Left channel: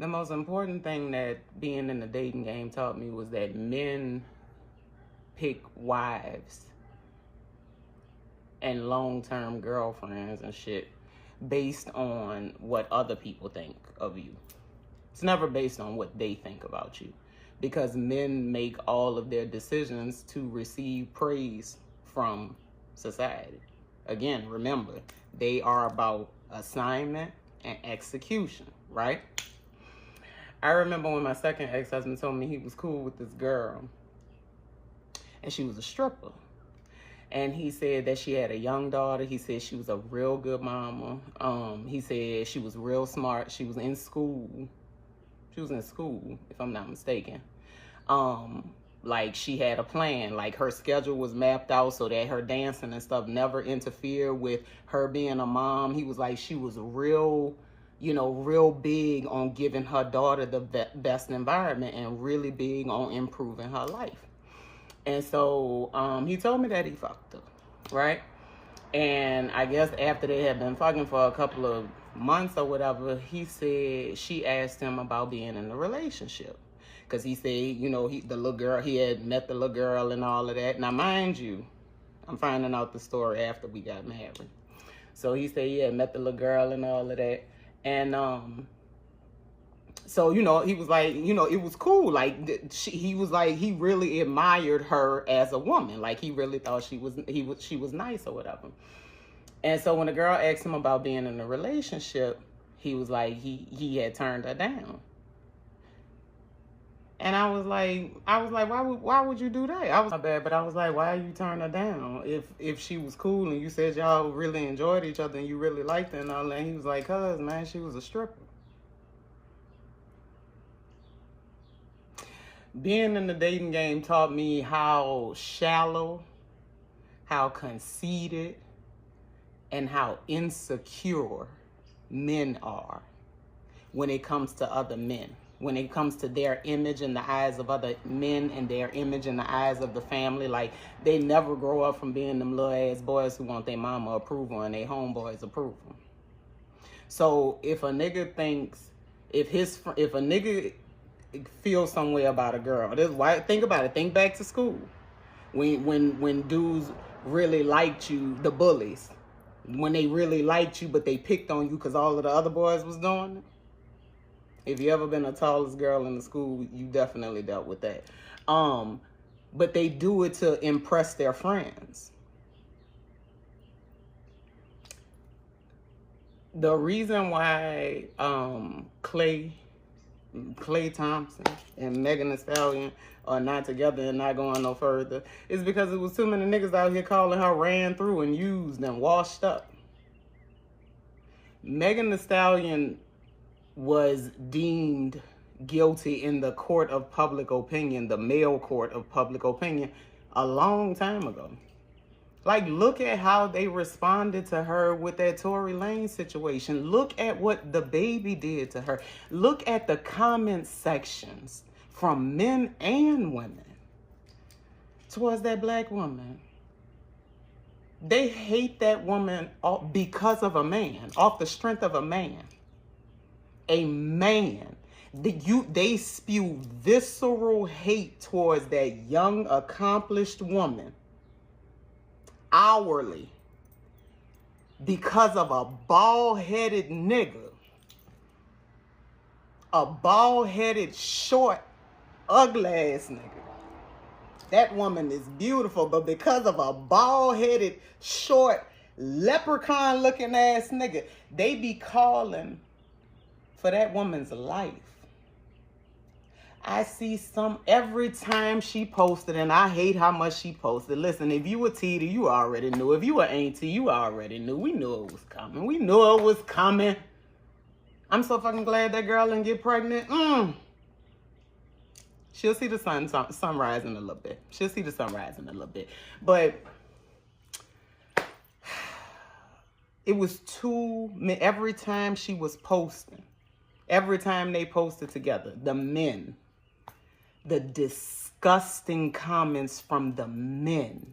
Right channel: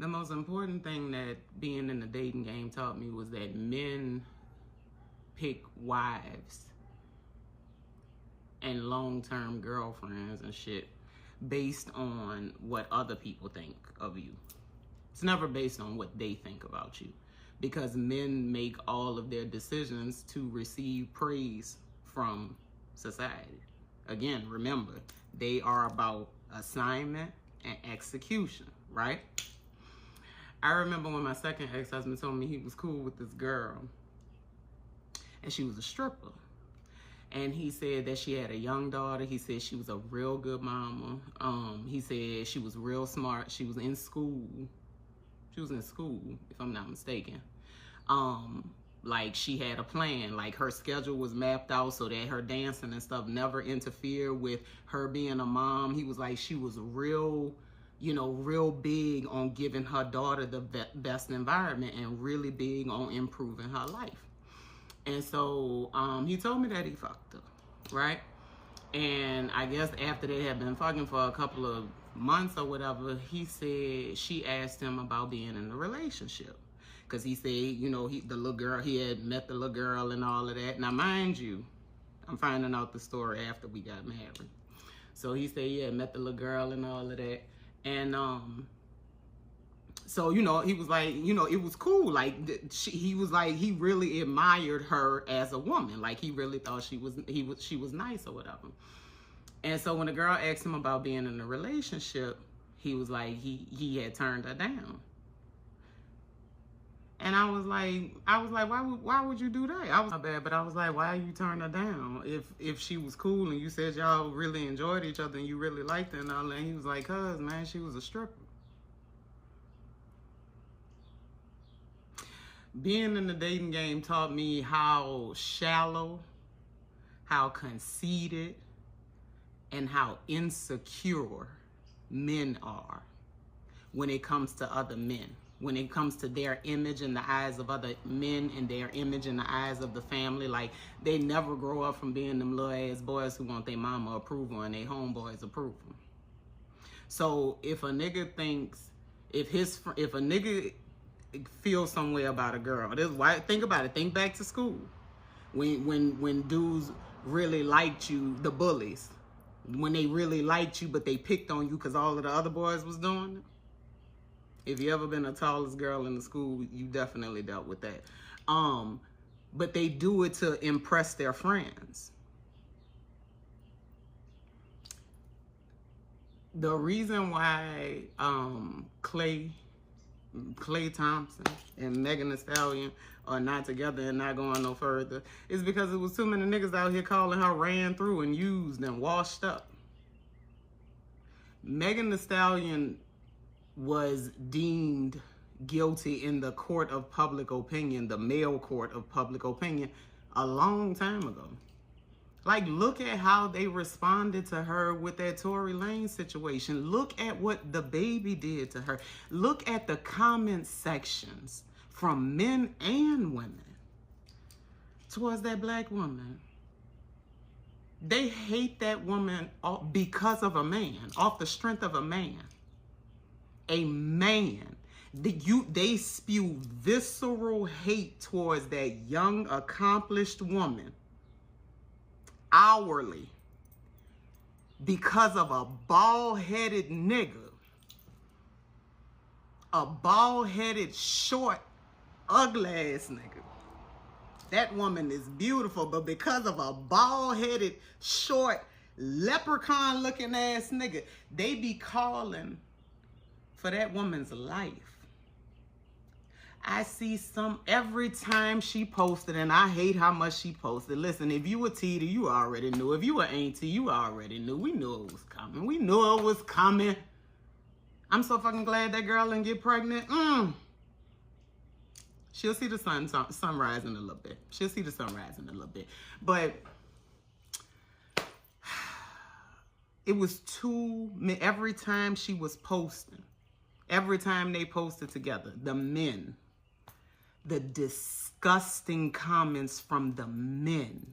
The most important thing that being in the dating game taught me was that men pick wives and long-term girlfriends and shit based on what other people think of you. It's never based on what they think about you, because men make all of their decisions to receive praise from society. Again, remember, they are about assignment and execution, right? I remember when my second ex-husband told me he was cool with this girl, and she was a stripper. And he said that she had a young daughter. He said she was a real good mama. He said she was real smart. She was in school. She was in school, if I'm not mistaken. Like, she had a plan. Like, her schedule was mapped out so that her dancing and stuff never interfered with her being a mom. He was like, she was real, you know, real big on giving her daughter the best environment and really big on improving her life. And so he told me that he fucked her, right? And I guess after they had been fucking for a couple of months or whatever, he said she asked him about being in a relationship. Because he said, you know, the little girl, he had met the little girl and all of that. Now, mind you, I'm finding out the story after we got married. So he said he had met the little girl and all of that. And so, you know, he was like, you know, it was cool. Like, he was like, he really admired her as a woman. Like, he really thought she was nice or whatever. And so when the girl asked him about being in a relationship, he was like, he had turned her down. And I was like, why would you do that? I was not bad, but I was like, why you turn her down? If she was cool and you said y'all really enjoyed each other and you really liked her and all that. And he was like, cuz, man, she was a stripper. Being in the dating game taught me how shallow, how conceited, and how insecure men are when it comes to other men. When it comes to their image in the eyes of other men and their image in the eyes of the family. Like, they never grow up from being them little ass boys who want their mama approval and their homeboys approval. So if a nigga thinks, if a nigga feels some way about a girl, this why, think about it, think back to school. When dudes really liked you, the bullies, when they really liked you but they picked on you because all of the other boys was doing it. If you ever been the tallest girl in the school, you definitely dealt with that. But they do it to impress their friends. The reason why Klay Thompson and Megan Thee Stallion are not together and not going no further is because it was too many niggas out here calling her ran through and used and washed up. Megan Thee Stallion was deemed guilty in the court of public opinion, the male court of public opinion, a long time ago. Like, look at how they responded to her with that Tory Lanez situation. Look at what the baby did to her. Look at the comment sections from men and women towards that black woman. They hate that woman because of a man, off the strength of a man. A man. They spew visceral hate towards that young, accomplished woman hourly because of a bald-headed nigga. A bald-headed, short, ugly-ass nigga. That woman is beautiful, but because of a bald-headed, short, leprechaun-looking ass nigga, they be calling for that woman's life. I see every time she posted, and I hate how much she posted. Listen, if you were Tita, you already knew. If you were Auntie, you already knew. We knew it was coming. We knew it was coming. I'm so fucking glad that girl didn't get pregnant. She'll see the sunrise in a little bit. She'll see the sunrise in a little bit. But it was every time she was posting, every time they posted together, the men, the disgusting comments from the men.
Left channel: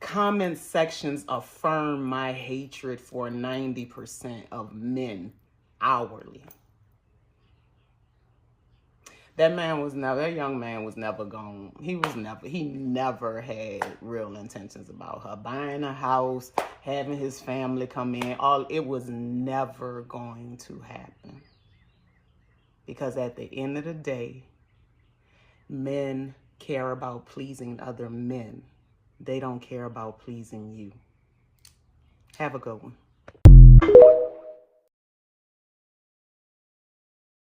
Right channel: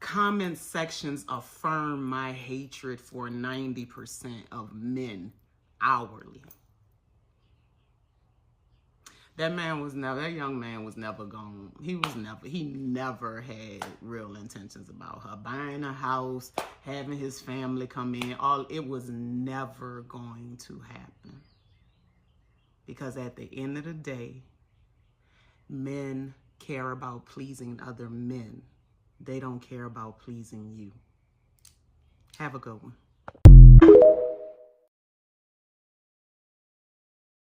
Comment sections affirm my hatred for 90% of men hourly. That young man was never gone. He never had real intentions about her. Buying a house, having his family come in, it was never going to happen. Because at the end of the day, men care about pleasing other men. They don't care about pleasing you. Have a good one.